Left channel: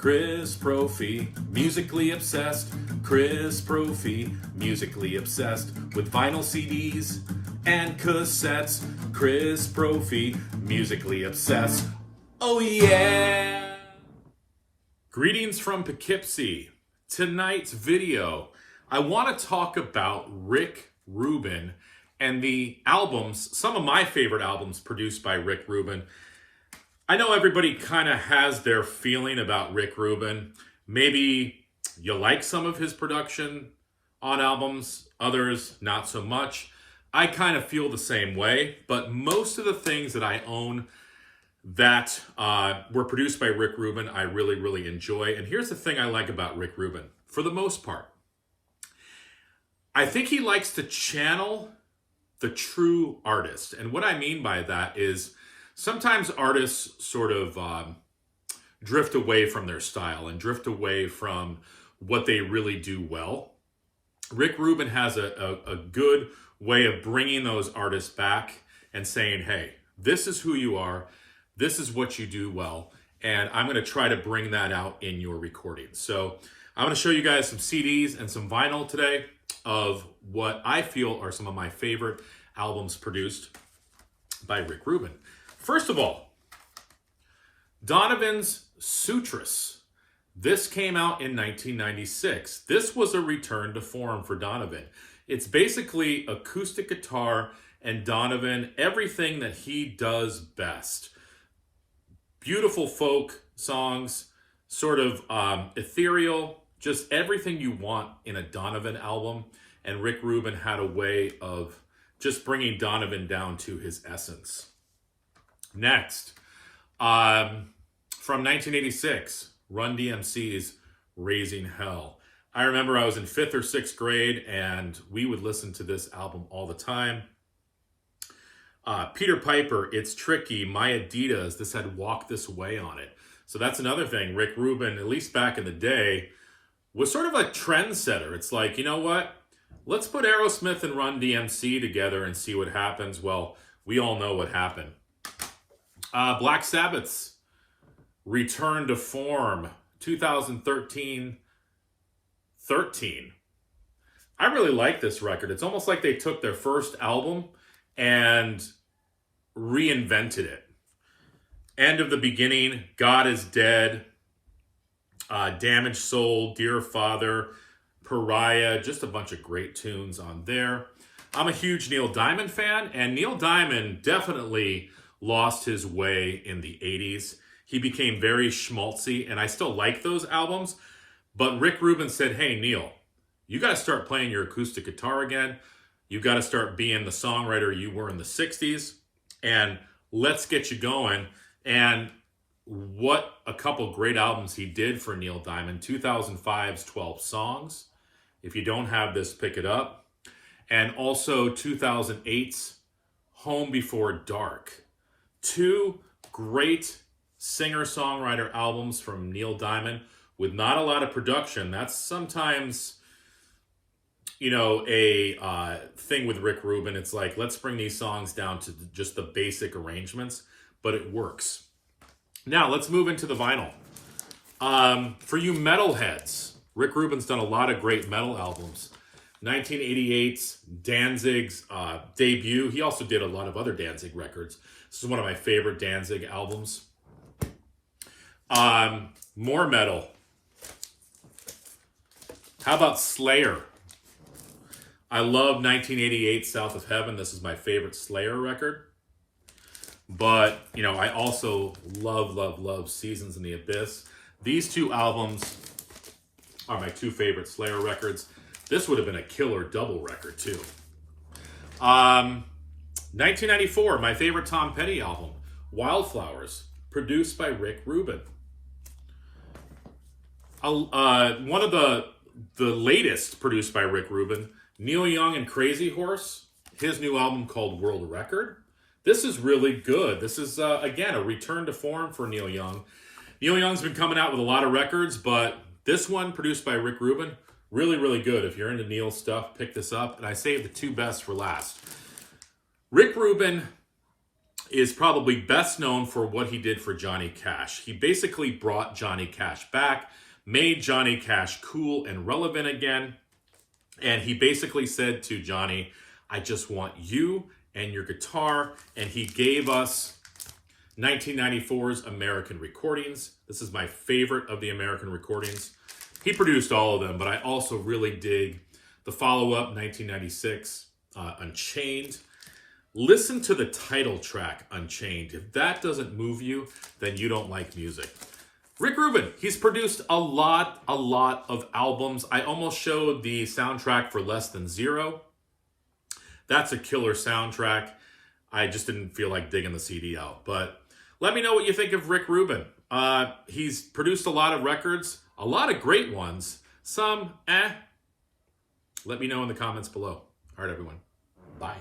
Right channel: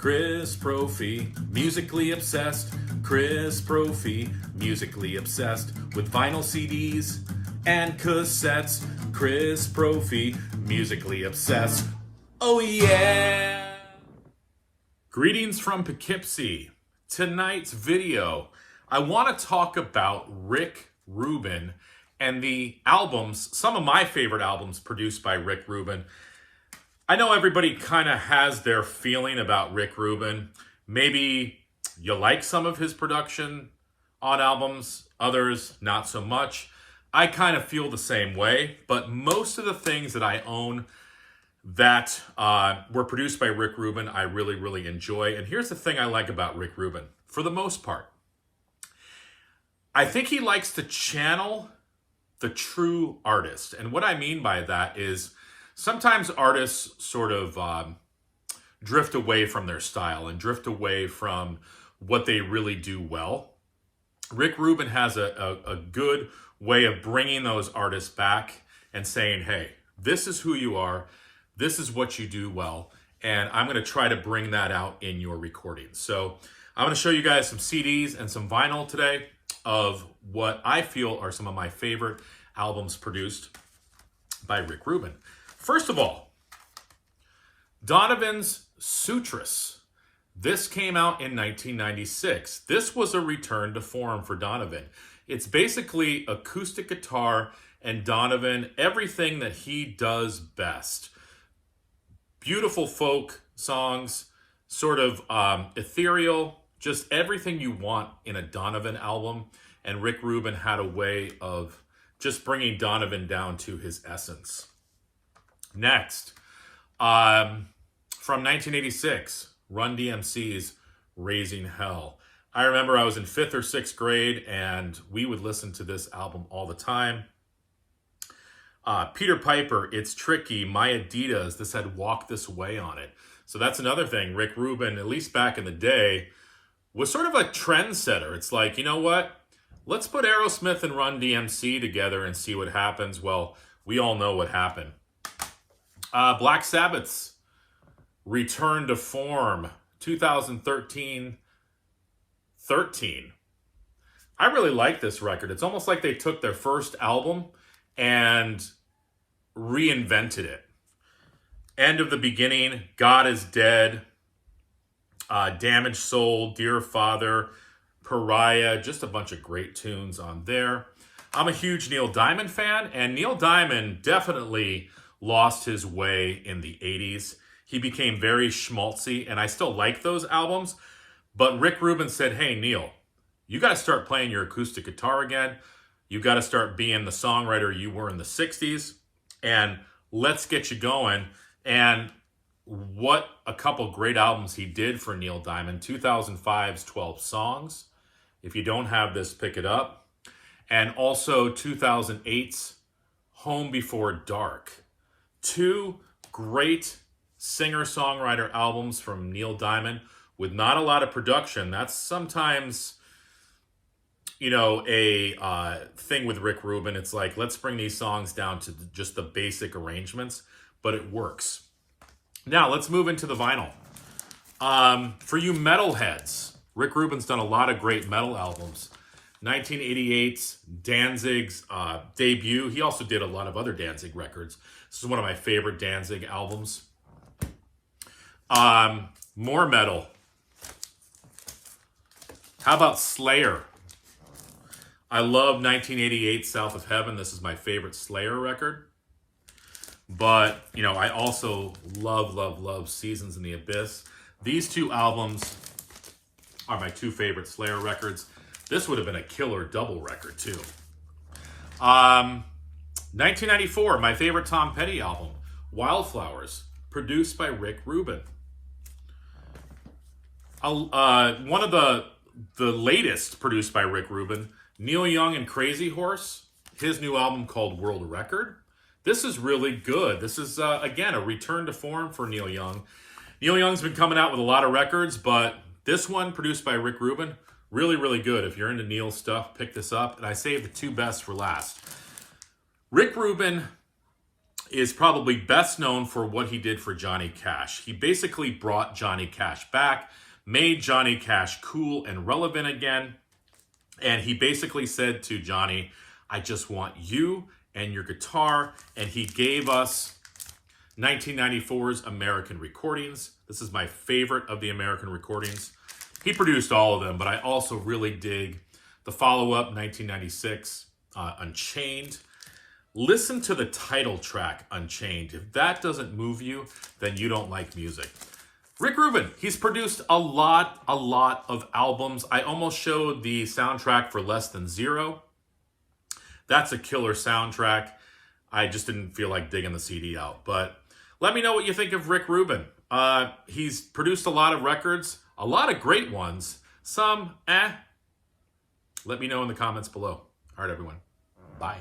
Chris Prophy, musically obsessed. Chris Prophy, musically obsessed with vinyl CDs and cassettes. Chris Prophy, musically obsessed. Oh yeah! Greetings from Poughkeepsie. Tonight's video, I want to talk about Rick Rubin and the albums, some of my favorite albums produced by Rick Rubin. I know everybody kind of has their feeling about Rick Rubin. Maybe you like some of his production on albums, others not so much. I kind of feel the same way, but most of the things that I own that were produced by Rick Rubin, I really, really enjoy. And here's the thing I like about Rick Rubin, for the most part. I think he likes to channel the true artist. And what I mean by that is sometimes artists sort of drift away from their style and drift away from what they really do well. Rick Rubin has a good way of bringing those artists back and saying, hey, this is who you are, this is what you do well, and I'm going to try to bring that out in your recordings. So I'm going to show you guys some CDs and some vinyl today of what I feel are some of my favorite albums produced by Rick Rubin. First of all, Donovan's Sutras. This came out in 1996. This was a return to form for Donovan. It's basically acoustic guitar and Donovan, everything that he does best. Beautiful folk songs, sort of ethereal, just everything you want in a Donovan album. And Rick Rubin had a way of just bringing Donovan down to his essence. Next, from 1986, Run DMC's Raising Hell. I remember I was in 5th or 6th grade and we would listen to this album all the time. Peter Piper, It's Tricky, My Adidas, this had Walk This Way on it. So that's another thing. Rick Rubin, at least back in the day, was sort of a trendsetter. It's like, you know what? Let's put Aerosmith and Run DMC together and see what happens. Well, we all know what happened. Black Sabbath's Return to Form, 2013. I really like this record. It's almost like they took their first album and reinvented it. End of the Beginning, God is Dead, Damaged Soul, Dear Father, Pariah, just a bunch of great tunes on there. I'm a huge Neil Diamond fan, and Neil Diamond definitely lost his way in the 80s. He became very schmaltzy, and I still like those albums, but Rick Rubin said, hey, Neil, you got to start playing your acoustic guitar again. You got to start being the songwriter you were in the 60s, and let's get you going. And what a couple great albums he did for Neil Diamond. 2005's 12 Songs. If you don't have this, pick it up. And also 2008's Home Before Dark. Two great singer-songwriter albums from Neil Diamond with not a lot of production. That's sometimes, you know, a thing with Rick Rubin. It's like, let's bring these songs down to just the basic arrangements, but it works. Now, let's move into the vinyl. For you metalheads, Rick Rubin's done a lot of great metal albums. 1988's Danzig's debut. He also did a lot of other Danzig records. This is one of my favorite Danzig albums. More metal. How about Slayer? I love 1988 South of Heaven. This is my favorite Slayer record. But, you know, I also love Seasons in the Abyss. These two albums are my two favorite Slayer records. This would have been a killer double record, too. 1994, my favorite Tom Petty album, Wildflowers, produced by Rick Rubin. One of the latest produced by Rick Rubin, Neil Young and Crazy Horse, his new album called World Record. This is really good. This is, again, a return to form for Neil Young. Neil Young's been coming out with a lot of records, but this one, produced by Rick Rubin, really, really good. If you're into Neil stuff, pick this up. And I saved the two best for last. Rick Rubin is probably best known for what he did for Johnny Cash. He basically brought Johnny Cash back, made Johnny Cash cool and relevant again. And he basically said to Johnny, I just want you and your guitar. And he gave us 1994's American Recordings. This is my favorite of the American Recordings. He produced all of them, but I also really dig the follow-up, 1996, Unchained. Listen to the title track, Unchained. If that doesn't move you, then you don't like music. Rick Rubin, he's produced a lot of albums. I almost showed the soundtrack for Less Than Zero. That's a killer soundtrack. I just didn't feel like digging the CD out. But let me know what you think of Rick Rubin. He's produced a lot of records, a lot of great ones. Some, Let me know in the comments below. All right, everyone. Bye.